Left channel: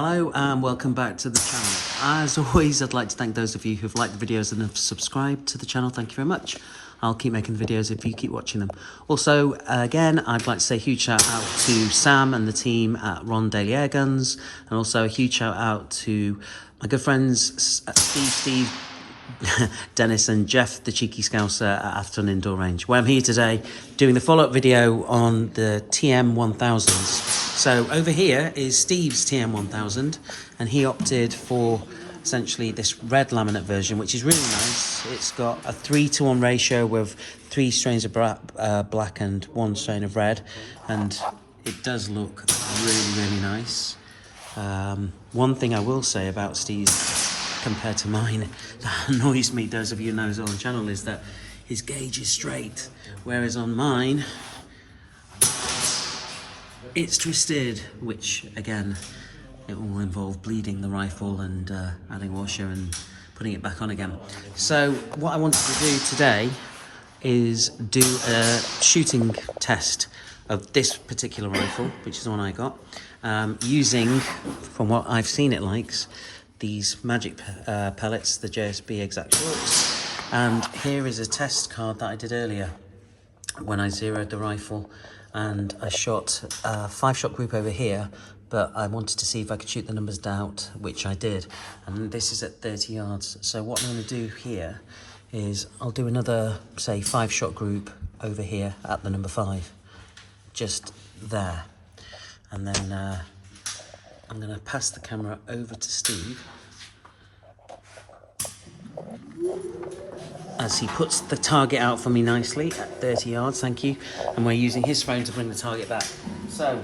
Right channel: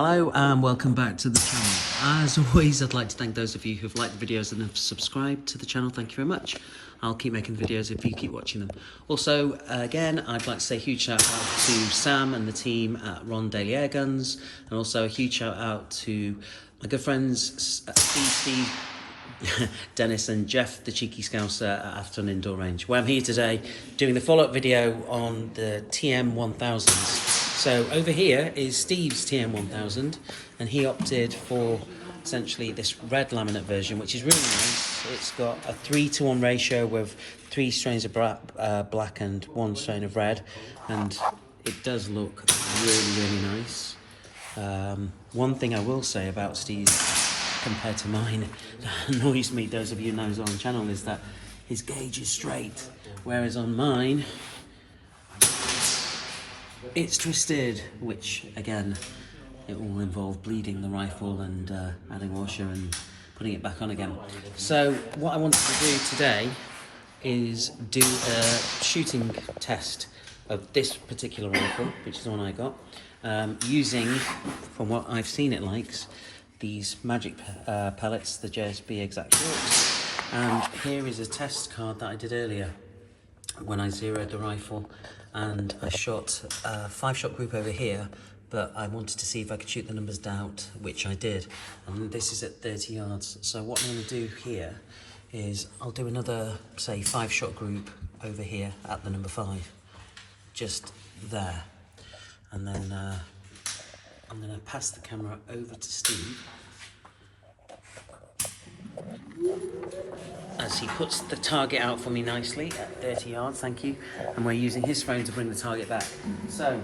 Hello and welcome back to the channel. As always, I'd like to thank those of you who've liked the videos and have subscribed to the channel. Thank you very much. I'll keep making the videos if you keep watching them. Also, again, I'd like to say a huge shout out to Sam and the team at Ron Daily Air Guns, and also a huge shout out to my good friends Steve, Dennis and Jeff, the cheeky scouser at Afton Indoor Range, where I'm here today doing the follow-up video on the TM 1000s. So over here is Steve's TM 1000, and he opted for essentially this red laminate version, which is really nice. It's got a 3-to-1 ratio with 3 strains of black and 1 strain of red, and it does look really nice. One thing I will say about Steve's compared to mine that annoys me, those of you who know on the channel, is that his gauge is straight, whereas on mine it's twisted, which again, it will involve bleeding the rifle and adding washer and putting it back on again. So what I wanted to do today is do a shooting test of this particular rifle, which is the one I got, using, from what I've seen it likes, these magic pellets, the JSB Exact Works. And here is a test card that I did earlier when I zeroed the rifle, and I shot a 5-shot group over here, but I wanted to see if I could shoot the numbers down, which I did, and this is at 30 yards. So what I'm going to do here is I'll do another, say, 5-shot group over here at the number 5, just there, and then I'm going to pass the camera over to Steve as he puts the target out for me nicely at 30 yards, thank you, and we're using his frame to bring the target back. So,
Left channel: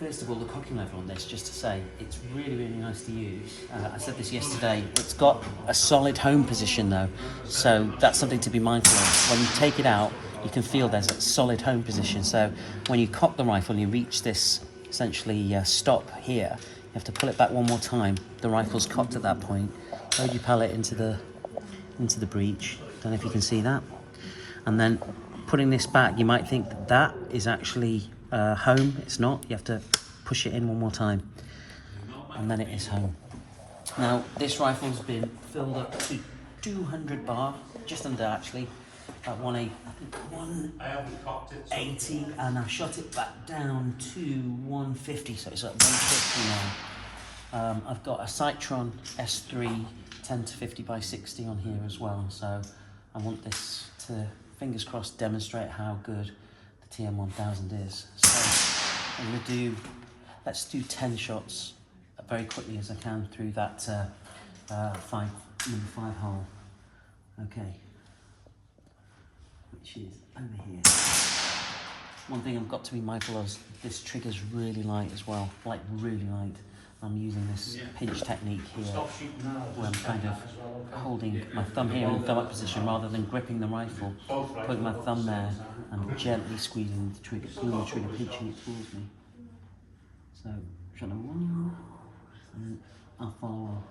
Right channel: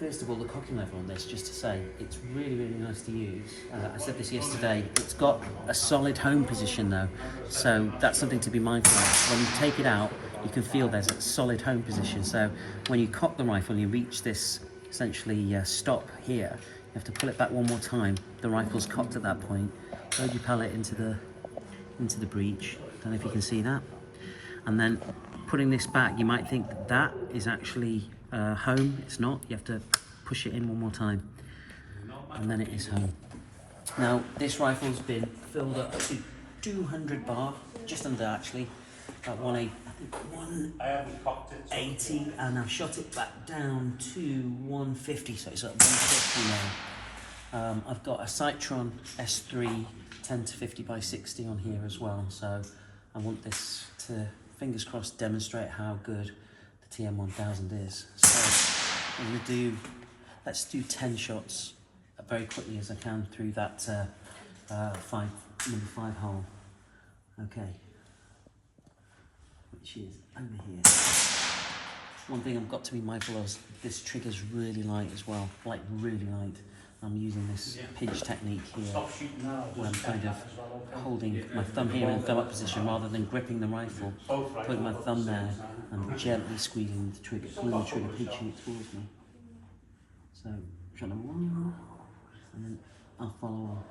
first of all, the cocking level on this, just to say, it's really nice to use. I said this yesterday, it's got a solid home position though, so that's something to be mindful of. When you take it out, you can feel there's a solid home position, so when you cock the rifle and you reach this essentially stop here, you have to pull it back one more time. The rifle's cocked at that point. Load your pellet into the breech. Don't know if you can see that. And then putting this back, you might think that that is actually home. It's not. You have to push it in one more time, and then it is home. Now this rifle's been filled up to 200 bar, just under actually, at 180, and I've shot it back down to 150, so it's at 150 now. I've got a Citron S3 10-50 by 60 on here as well, so I want this to, fingers crossed, demonstrate how good the TM 1000 is. So I'm going to do, let's do 10 shots very quickly as I can through that number 5 hole. Okay. Which is over here. One thing I've got to be mindful of is this trigger's really light as well, like really light. I'm using this pinch technique here, where I'm kind of holding my thumb here in thumb up position rather than gripping the rifle, putting my thumb there and gently squeezing the trigger, pulling the trigger, pinching it towards me. So, shot number 1, and then I'll follow on.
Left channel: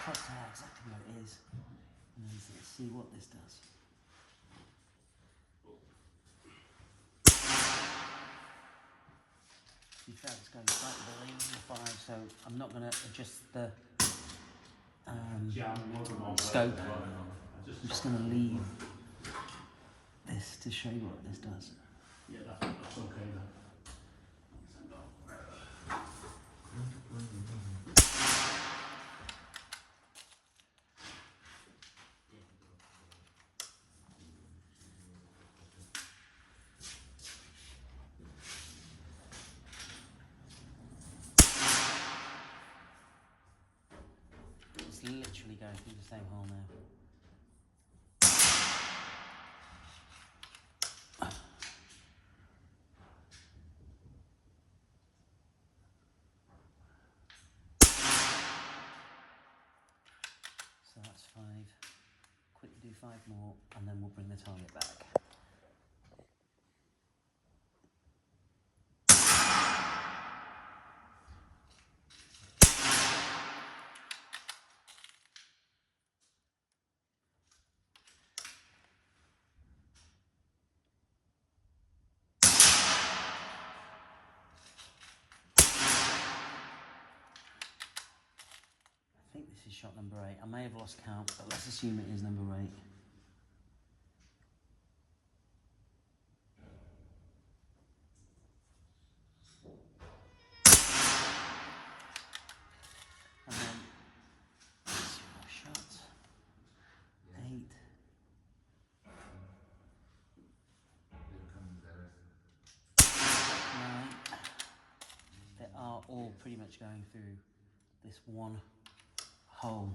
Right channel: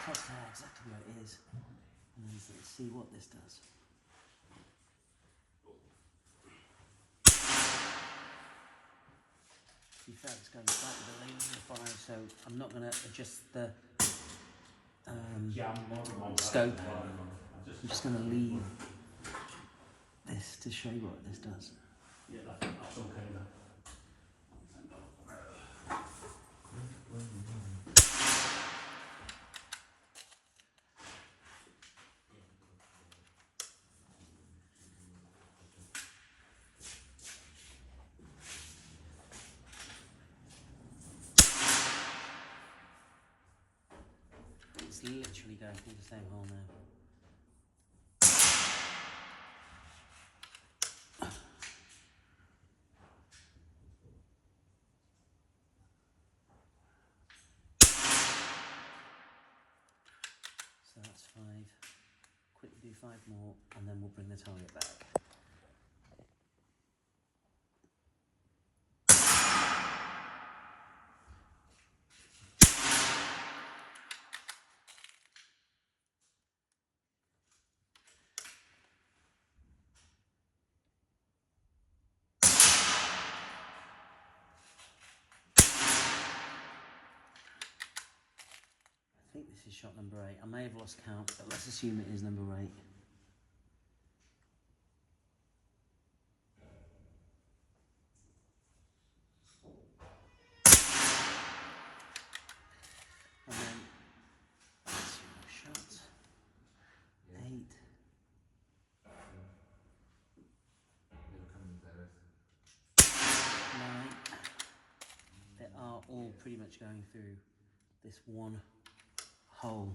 Crosshair exactly where it is, and then let's see what this does. To be fair, it's going slightly below the fire, so I'm not going to adjust the scope. I'm just going to leave this to show you what this does. Yeah, that's okay then. It's literally going through the same hole now. So that's 5. Quickly do 5 more, and then we'll bring the target back. think this is shot number 8. I may have lost count, but let's assume it is number 8. And then 2 more shots. 8. 9. They are all pretty much going through this one hole.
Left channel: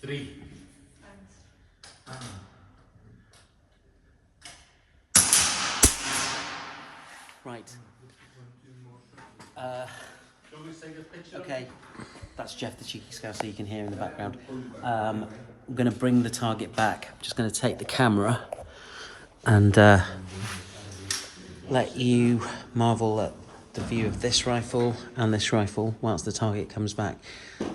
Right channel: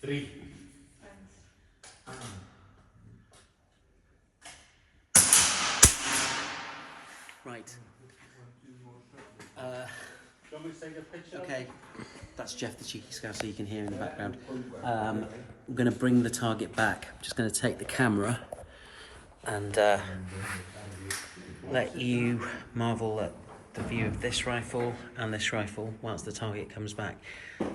Three. Right. Okay, that's Jeff the Cheeky Scout, so you can hear in the background. I'm going to bring the target back. I'm just going to take the camera and let you marvel at the view of this rifle and this rifle whilst the target comes back.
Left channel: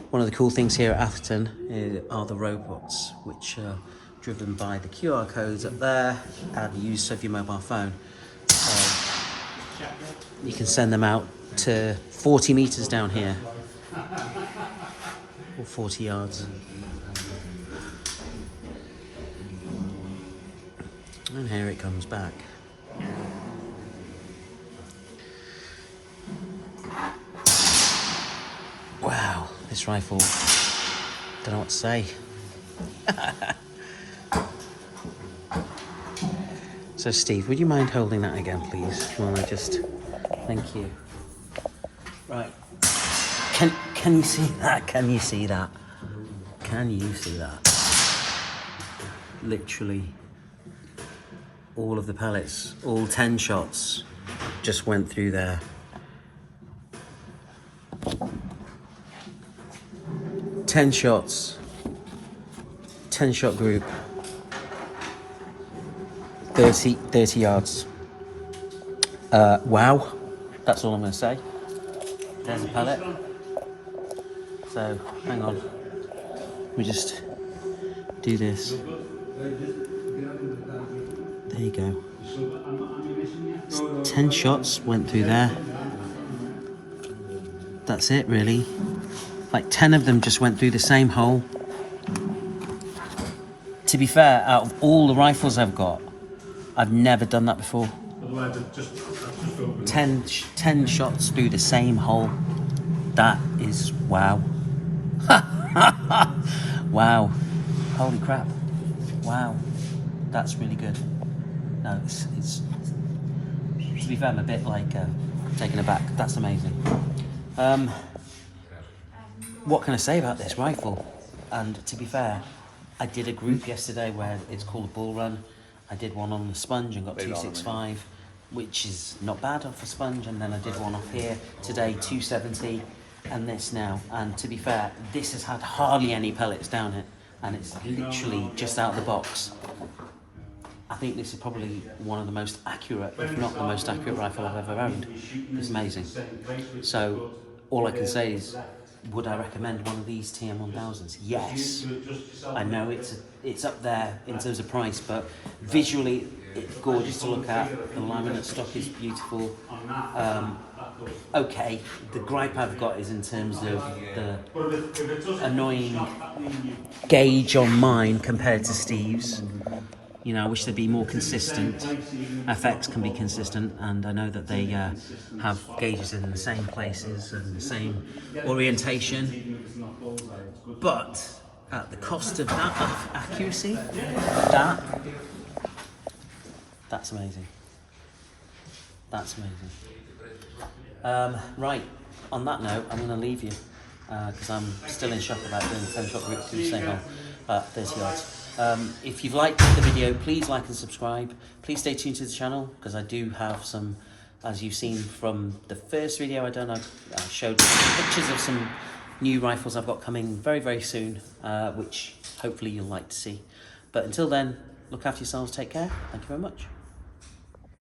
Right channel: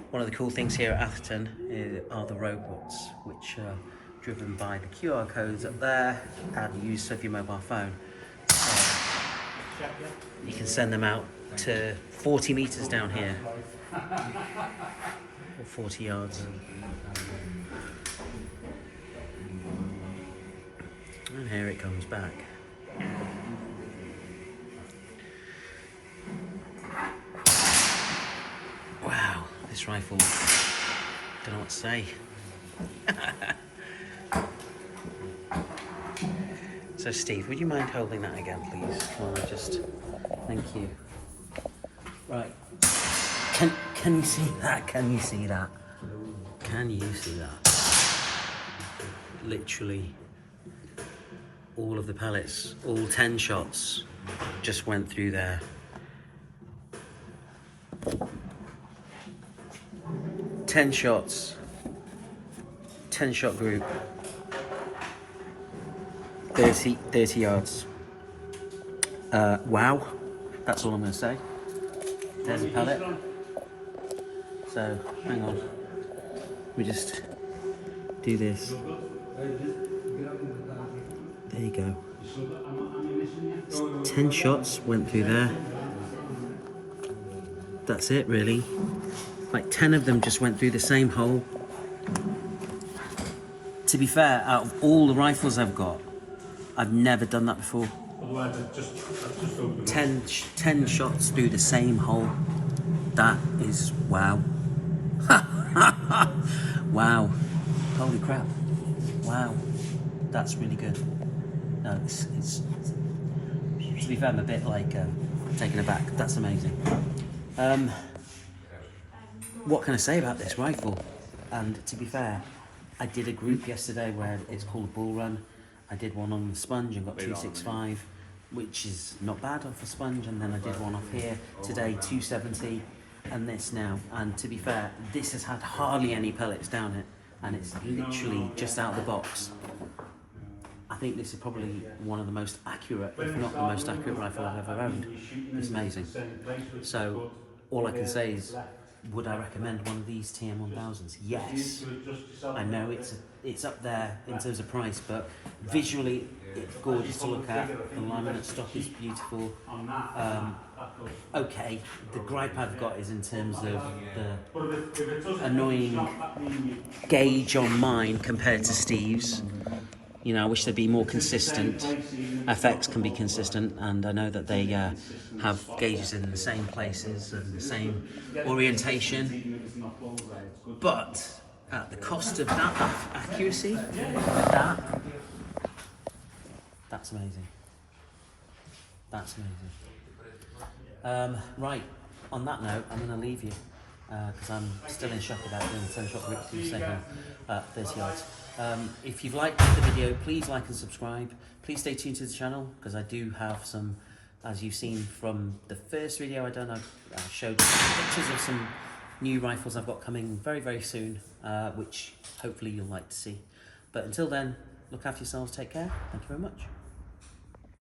One of the cool things here at Atherton are the robots, which are driven by the QR codes up there and used of your mobile phone. You can send them out to 40 meters down here, or 40 yards. And here it comes back. Wow, this rifle, don't know what to say. So Steve, would you mind holding that again, please? Thank you. Right, can you see that? Can you see that? Can you see that? Literally, all of the pellets, all 10 shots, just went through there. Ten shots, 10-shot group, 30 yards. Wow, that's all I'm going to say. There's a pellet. So, hang on. We just do this. There you go. 10 shots went through there. That's it, really. Like 10 of them just went through the same hole. To be fair, out of all the rifles I've got, I've never done that before. 10 shots through the same hole. That is wow. Wow. Holy crap. Wow. That's really good. No, it's to be fair, I'm a bit like taken aback. That's amazing. What can I say about this rifle? And to be fair, I did a group yesterday where it's called a bull run. I did one on the sponge and got 265, which is not bad off a sponge. And then I did one off here today, 270, and this now. And to be fair, this has had hardly any pellets down it, and it's literally just out of the box. I think this is probably one of the most accurate, if not the most accurate rifle I've ever owned. It's amazing. So all I can say is, would I recommend one of these TM1000s? Yes. I know it's up there in terms of price, but visually it's gorgeous to look at. The laminate stock is beautiful. Okay, the gripe I've got is in terms of the annoying gauge on mine compared to Steve's. You know, I wish they'd be more consistent. FX can be consistent, and I know that they have gauges in the same places and the same orientation. But at the cost of that accuracy, that's amazing. That's amazing. Right, on that note, I'm going to leave you because I'm still in shock about doing a 10-shot group to the same hole at 30 yards. If you've liked the video, please like and subscribe. Please stay tuned to the channel because I do have some, as you've seen from the first video I done, I showed pictures of some new rifles I've got coming very, very soon, which hopefully you'll like to see. But until then, look after yourselves, take care. Thank you very much.